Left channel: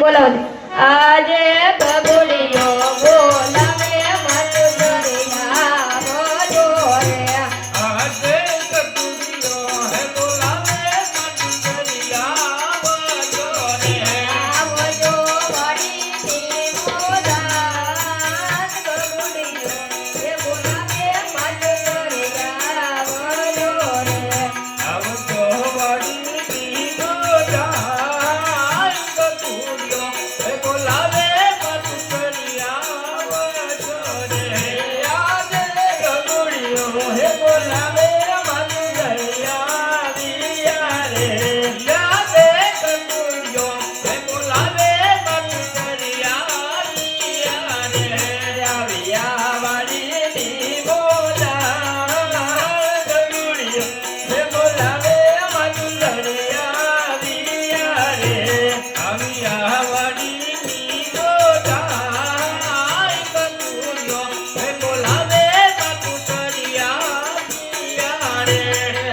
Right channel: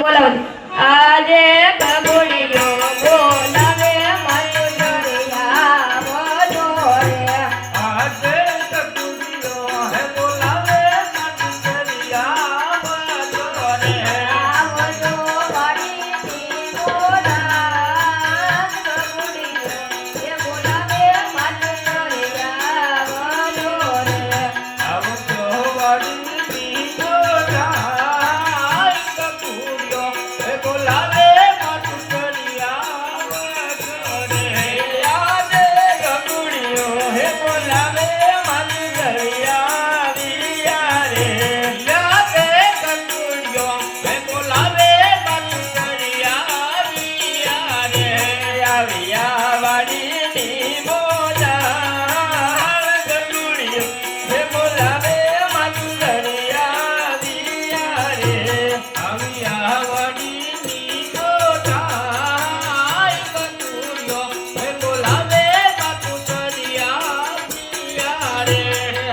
બોલાવો આજે બબુડીયો બોલાવે મત દરિયા બોલો રે આજે બબુડીયો હે બોલાવે મત દરિયા બોલો રે આવજો વાડીની બોલાવ બબુડીયો હે બોલાવે મત દરિયા બોલો રે આવજો વાડીની બોલાવ બબુડીયો હે બોલાવે મત દરિયા બોલો રે આજે બબુડીયો હે બોલાવે મત દરિયા વિયા રે આજે બબુડીયો હે બોલાવે મત દરિયા વિયા રે આવ્યા વાડીની બોલાવ બબુડીયો હે બોલાવે મત દરિયા વિયા રે આવ્યા વાડીની બોલાવ બબુડીયો હે બોલાવે મત દરિયા વિયા રે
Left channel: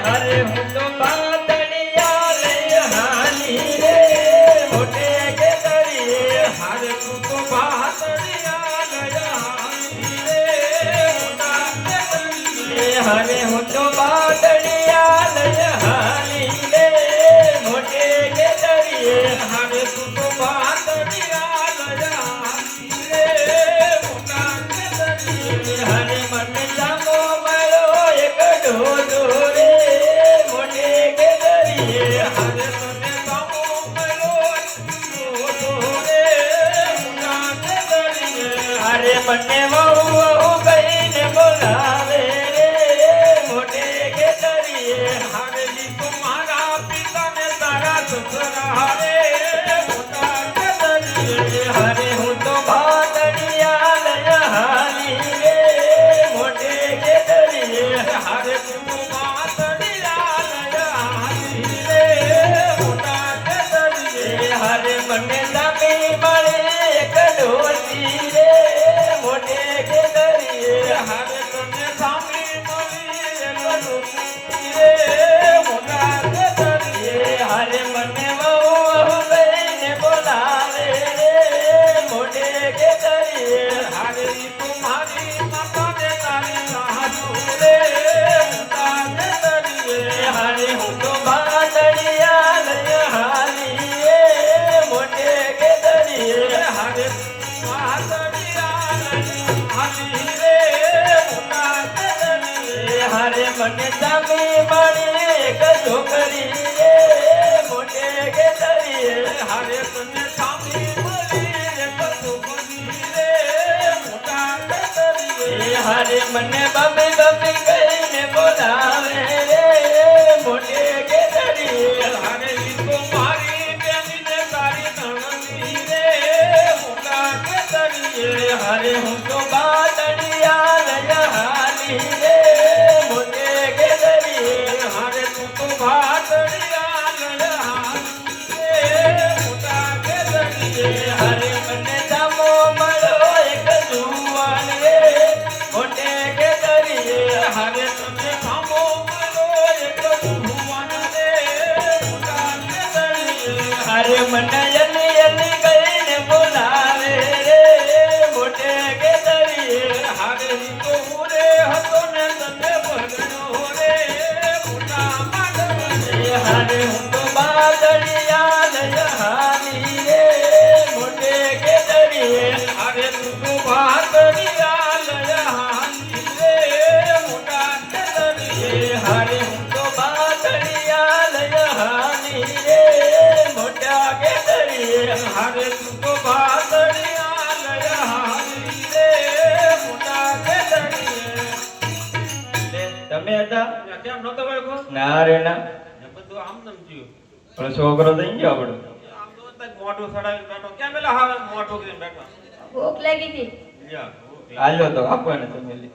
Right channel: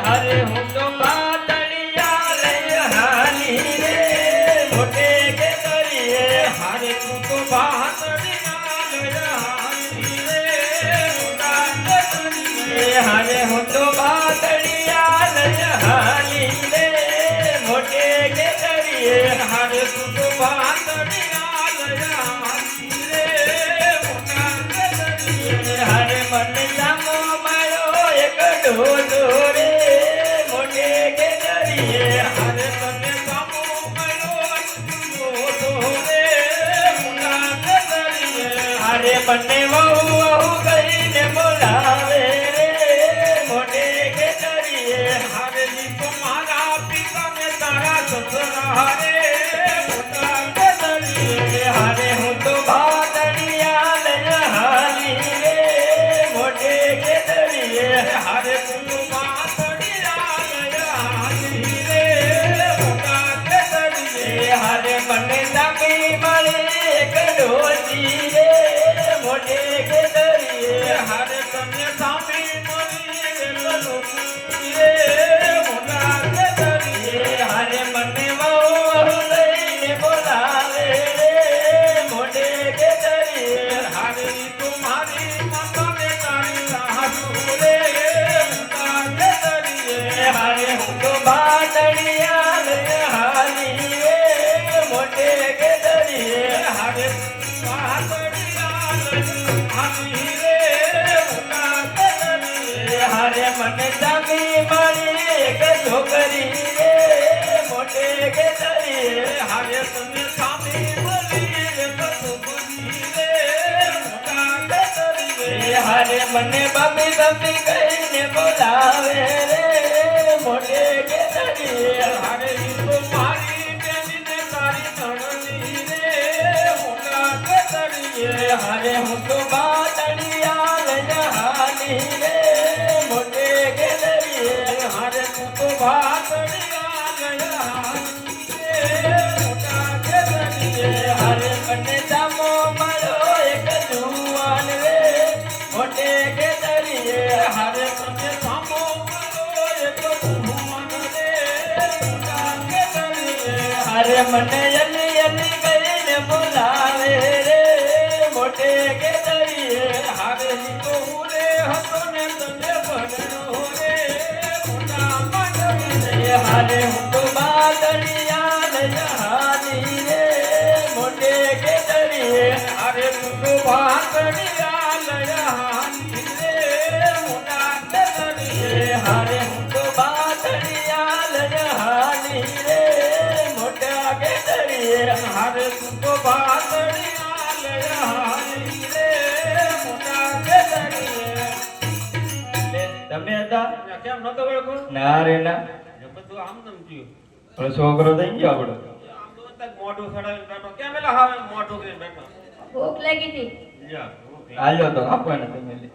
હરે હું તો પાતળિયા લઈ હાલી રે મોટે કે દરિયે હરે તું તો પાતળિયા લઈ હાલી રે મોટા કે દરિયે હરે હું તો પાતળિયા લઈ હાલી રે મોટે કે દરિયે હરે તું તો પાતળિયા લઈ હાલી રે મોટા કે દરિયે હરે મને જામો મળ્યો એક ઢોલો રે મોટે કે દરિયે હરે મને જામો મળ્યો એક ઢોલો રે મોટા કે દરિયે હરે મને વહુ વહુ કહીને બોલાવે રે મોટે કે દરિયે હરે જી તુમારા પિતા ને તારા સસરા રે મોટા કે દરિયે હરે હું તો ભાદડિયા લઈ હાલી રે મોટે કે દરિયે હરે તું ભાદડિયા લઈ હાલી રે મોટા કે દરિયે હરે મને નમી મળે એક ડોસી રે મોટે કે દરિયે હરે તમને સામે મળી એક ડોસી રે મોટા કે દરિયે હરે મને વહુ લઈને બોલાવે રે મોટે કે દરિયે હરે તુમારી મકાને તારે રાહુ રે મોટા કે દરિયે હરે હું તો બાદડિયા લઈ હાલી રે મોટે કે દરિયે હરે બાદડિયા લઈ હાલી રે મોટા કે દરિયે હરે મને જમી મળી એક છોકરી રે મોટે કે દરિયે હરે તમને સામી મળી એક છોકરી રે મોટા કે દરિયે હરે મને બબી બબી કહીને બોલાવે રે મોટે કે દરિયે હરે તો મારી બેનને તારી નણંદી રે મોટા કે દરિયે હરે હું તો બાદડિયા લઈ હાલી રે મોટે કે દરિયે હરે તું તો બાદડિયા લઈ હાલી રે મોટા કે દરિયે હરે મને જામો મળ્યો એક જુવાન રે મોટે કે દરિયે હરે તમને જામો મળ્યો એક જુવાન રે મોટા કે દરિયે હરે મને યલી યલી કહીને બોલાવે રે મોટે કે દરિયે હરે તો હું રે હતો ને તને ભગનો રે મોટા માનવ રે હરે હું તો બાદડિયા લઈ હાલી રે મોટે કે દરિયે હરે તું તો બાદડિયા લઈ હાલી રે મોટા કે દરિયે હરે હું તો બાદડિયા લઈ હાલી રે મોટા કે દરિયે હરે તું તો બાદડિયા લઈ હાલી રે મોટા કે દરિયે તમે હતા કેમ નતો વળગો ના રે ના બધું આમ નમ થયું પણ છોકરો થઈ ગયો આપણો આમ તો તક મોઢું સડાવીને બેઠો કેમ પેલા હાવે મોઢું કરીને બેઠો ભૂખ લાગી હતી લ્યા હાલ્યો તો આપો ને તમે લી.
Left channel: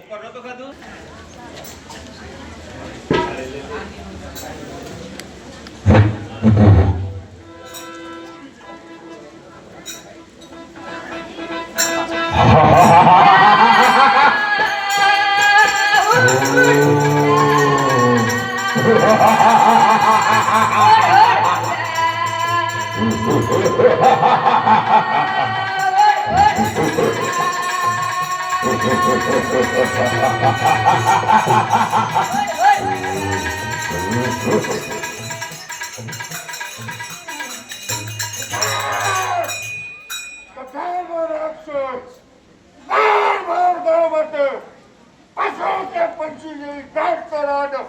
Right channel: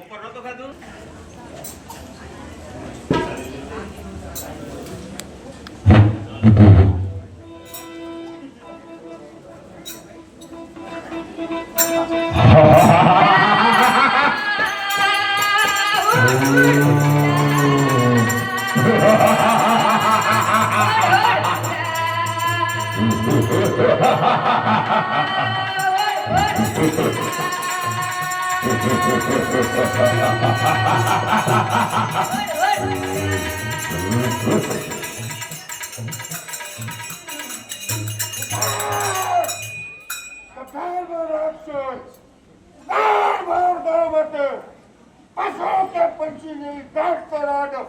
ઉપર નતો ખાધું આ કથાનો રાક્ષસ બાર ગામતે પશુ કે પંછી જેવી કાઢ કરાડો